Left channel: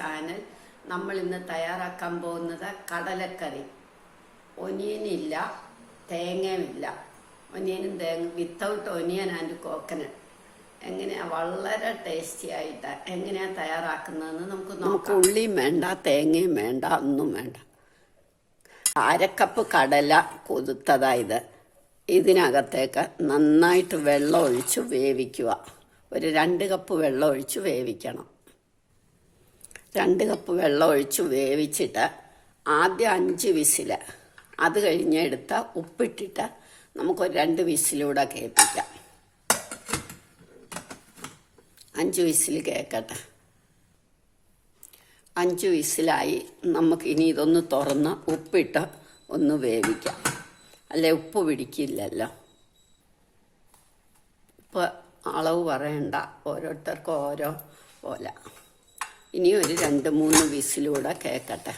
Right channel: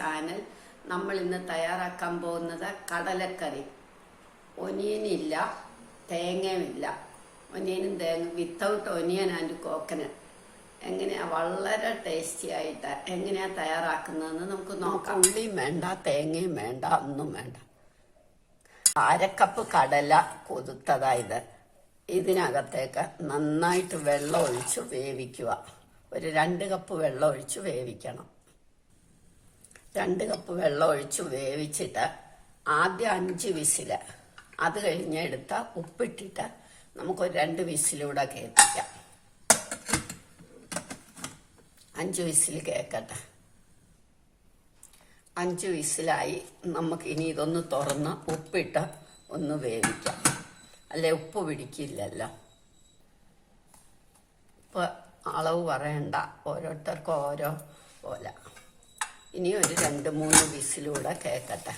Channel. നമ്മൾ ഇന്ന് തയ്യാറാക്കാൻ പോകുന്നത് കടലക്കറി. ഒനിയനില്ല, തേങ്ങയുമില്ല. ഒനിയനും തേങ്ങ വിത്തൗട്ട് ഒനിയൻ ആൻഡ് കോക്കനട്ട്. എങ്ങനെയാ വളരെ ടേസ്റ്റി ആയിട്ട് എങ്ങനെയാ തയ്യാറാക്കുന്നതെന്ന് നമുക്ക് നോക്കാം. ഉള്ളിയും വേണ്ട, തേങ്ങയും വേണ്ട, ഒന്നും വേണ്ട. അരക്കപ്പ് കടല കുതിർത്തതായത് ഇതിനകത്തേക്ക് നന്നായിട്ട് വെള്ളം ഒഴിച്ച് വേവിക്കുക. ഒരു 2 കപ്പ് വെള്ളം ഒഴിച്ച് വേവിക്കണം. 2 കപ്പ് വെള്ളം ഒഴിച്ച് വേവിച്ചിട്ട് ആദ്യം 5 വിസിൽ, അത് കഴിഞ്ഞ് എടുത്ത ഉപ്പിട്ടിട്ട് നമുക്കൊരു 2 വിസിലൂടെ കേൾപ്പിക്കാം. 5 വിസിൽ കേൾക്കട്ടെ. 5 വിസിലായി. നമുക്കിനി ഇതൊന്ന് തുറന്ന് ഉപ്പിട്ട് ഒന്ന് വേവിക്കാം. അല്ലെ ഉപ്പ് പിടിക്കില്ലല്ലോ. ഇപ്പോൾ അളവ് പറയണ്ട, ഓരോരുത്തർക്കും ഓരോ പോലെ. ഇനി ഒരു 2-3 വിസിലൂടെ കേൾക്കട്ടെ.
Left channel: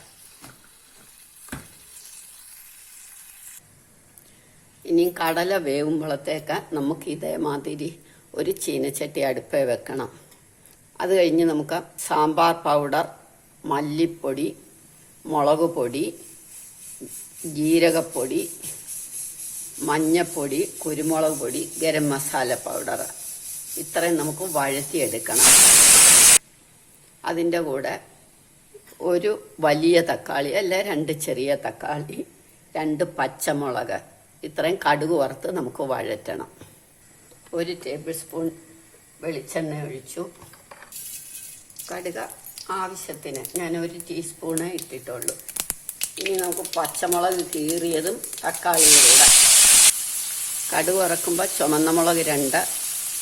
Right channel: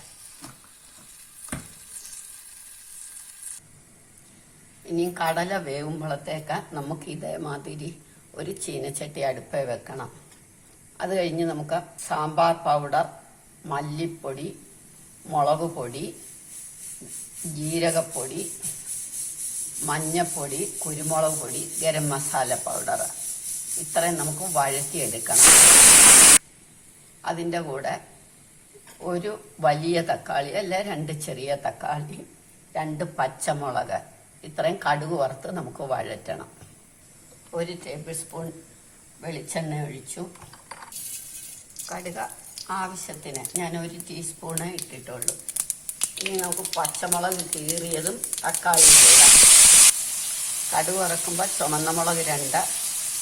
ഇനി കടല വേവുമ്പോഴത്തേക്ക് നമുക്ക് ഇതേമാതിരി ഒരു ചീനച്ചട്ടി അടുപ്പേ വെക്കണം. അത് കഴിഞ്ഞ് നമുക്ക് സാമ്പാർ പൗഡർ, മല്ലിപ്പൊടി, മുളക് പൊടി, ജീരകപ്പൊടി, മഞ്ഞപ്പൊടി, കുരുമുളക് പൊടി, ഗരം മസാല പൗഡർ ഇത്രയും നമുക്ക് വഴറ്റിയെടുക്കണം. അതിൻ്റെ കൂടെ ഒരു വലിയ തക്കാളി, അല്ല 2 ചെറിയ തക്കാളി, 2 പച്ചമുളക്, ഇത്രയും കടുക് വറുത്ത് നമുക്ക് വഴറ്റണം. 1 ടേബിൾ സ്പൂൺ വെളിച്ചെണ്ണ ഒഴിച്ചു. കടുക് ആവശ്യത്തിന്, ഞാൻ 1 ടീസ്പൂണേ ഇട്ടിട്ടുള്ളൂ. ഇനി നമുക്ക് പച്ചമുളക് കീറിയതും തക്കാളിയും കൂടെ. കടുക് വറക്കുമ്പോൾ ചുമന്ന മുളക് 2,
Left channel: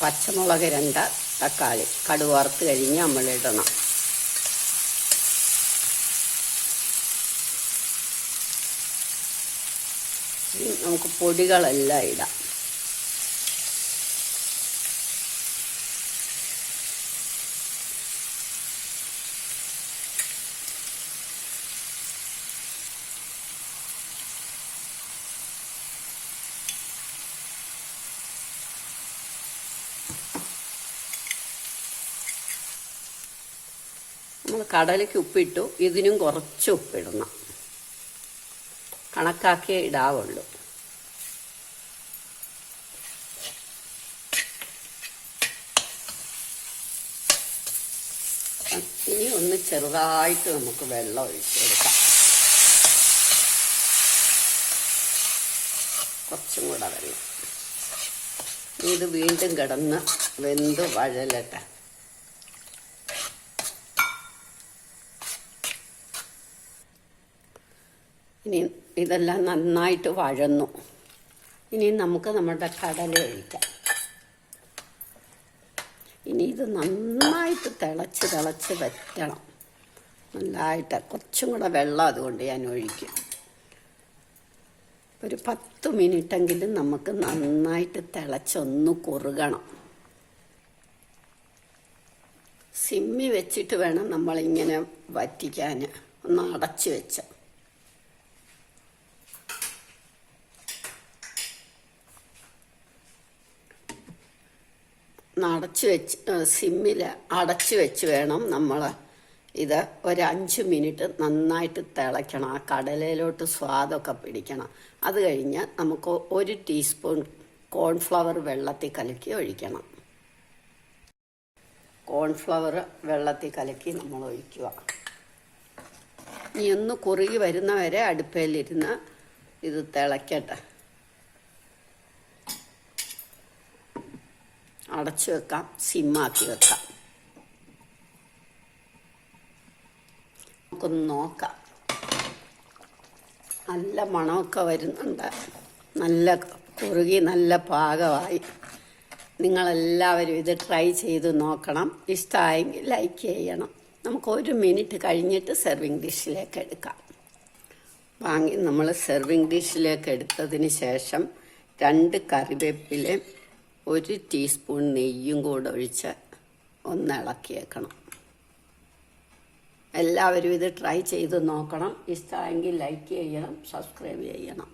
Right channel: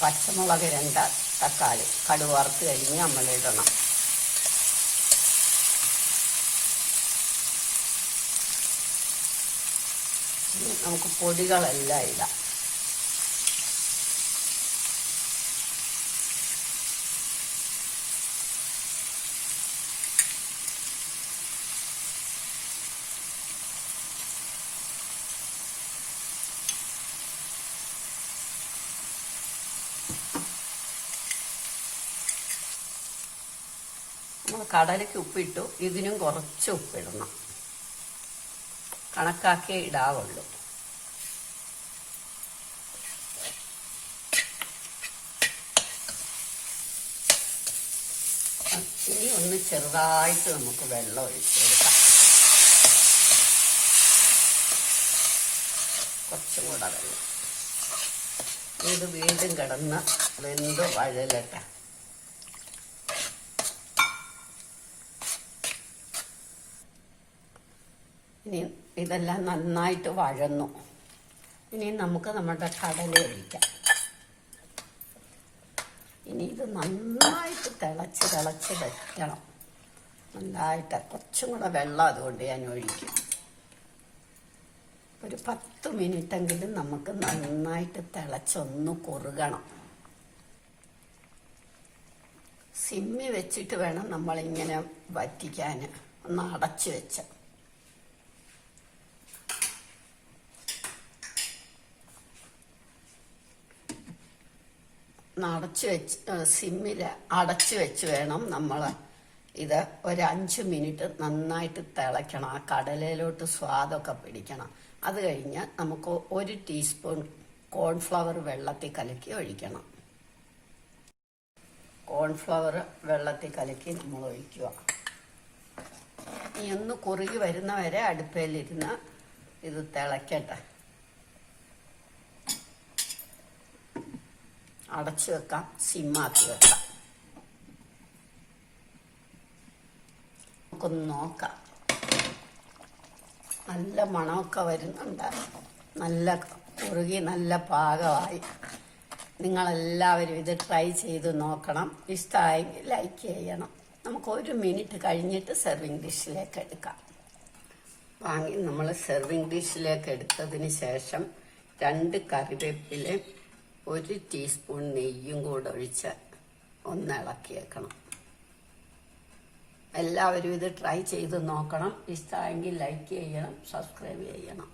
പച്ചമുളക് 2, തക്കാളി കടുക് വറുത്ത് കഴിഞ്ഞ് നമ്മളിടണം. നമുക്ക് പൊടികളെല്ലാം ഇടാം. നമ്മൾ കടലയ്ക്ക് ഉപ്പിട്ടു, ഇതിനും കുറച്ച് ഉപ്പിടണം. കണക്കാക്കിയേ ഇടാവുള്ളൂ. ഇനി ഒന്ന് ചെറുതായിട്ട് നമുക്ക് വെള്ളം ഒഴിച്ചെടുക്കാം. കുറച്ചും കൂടെ വെള്ളം. ഇത് വീണ്ടും കിടന്ന് വെന്ത് വഴലട്ടെ. ഇനി ഇതെല്ലാം നന്നായിട്ട് വഴന്നു. ഇനി നമുക്ക് നമ്മുടെ കടല ഒഴിക്കാം. ഇനി ഇത് നന്നായിട്ട് തിളച്ച് വറ്റണം. നന്നായിട്ട് കുറച്ചും കൂടെ വെള്ളം അതുകൊണ്ട് ഞാൻ ഒഴിക്കും. ഒരു 10 മിനിറ്റെങ്കിലും നമുക്ക് നന്നായിട്ട് തിളച്ചൊന്ന് കുറുകണം. സിമ്മി വെച്ചിട്ട് വേണം നമ്മളിങ്ങനെ വറ്റിക്കാൻ. ഒന്ന് അടച്ചു വെച്ച സിമ്മിൽ അടച്ചു വെച്ച് വേണം നമ്മൾ ഇത് ഒരു 5 മിനിറ്റ് നന്നായിട്ട് തിളയ്ക്കണം. ആ കടലയിലോട്ട് സ്വാദൊക്കെ പിടിക്കണം. അത് കഴിഞ്ഞ് നമുക്ക് 1 ടീസ്പൂൺ കോൺഫ്ലവർ വെള്ളത്തിൽ കലക്കി ഒഴിക്കണം. കോൺഫ്ലവർ വെള്ളത്തിൽ കലക്കി നമ്മൾ ഒഴിക്കുക. ഇനി ഒന്ന് കുറുകി വരുന്നവരെ അടുപ്പയിലിരുന്ന് ഇത് തിളയ്ക്കട്ടെ. അടച്ചു വെക്കാം, സിമ്മാക്കി വെക്കാം. നമുക്കൊന്ന് നോക്കാം. നല്ല മണമൊക്കെ വരുന്നുണ്ട്. നല്ല കുറുകി നല്ല പാകമായി. നിങ്ങളെല്ലാവരും ഇത് ട്രൈ ചെയ്ത് നോക്കണം. ഇഷ്ടമായെങ്കിൽ ലൈക്ക് ചെയ്യണം. നമുക്ക് 1 മിനിറ്റ് കഴിഞ്ഞിട്ട് സെർവിങ് ഡിഷിലേക്ക് എടുക്കാം. വാങ്ങി നമ്മൾ സെർവിങ് ഡിഷിലേക്ക് എടുത്തതിന് ശേഷം 2 കറിവേപ്പിലയും 1 ടീസ്പൂൺ നെയ്യും കൂടെ ഒഴിച്ച് ഒന്ന് ഇളക്കിയേക്കണം. എല്ലാവരും ഇത് ട്രൈ ചെയ്ത് നോക്കണം. ഇഷ്ടമായെങ്കിൽ ലൈക്ക് ചെയ്യണം, സബ്സ്ക്രൈബ് ചെയ്യണം.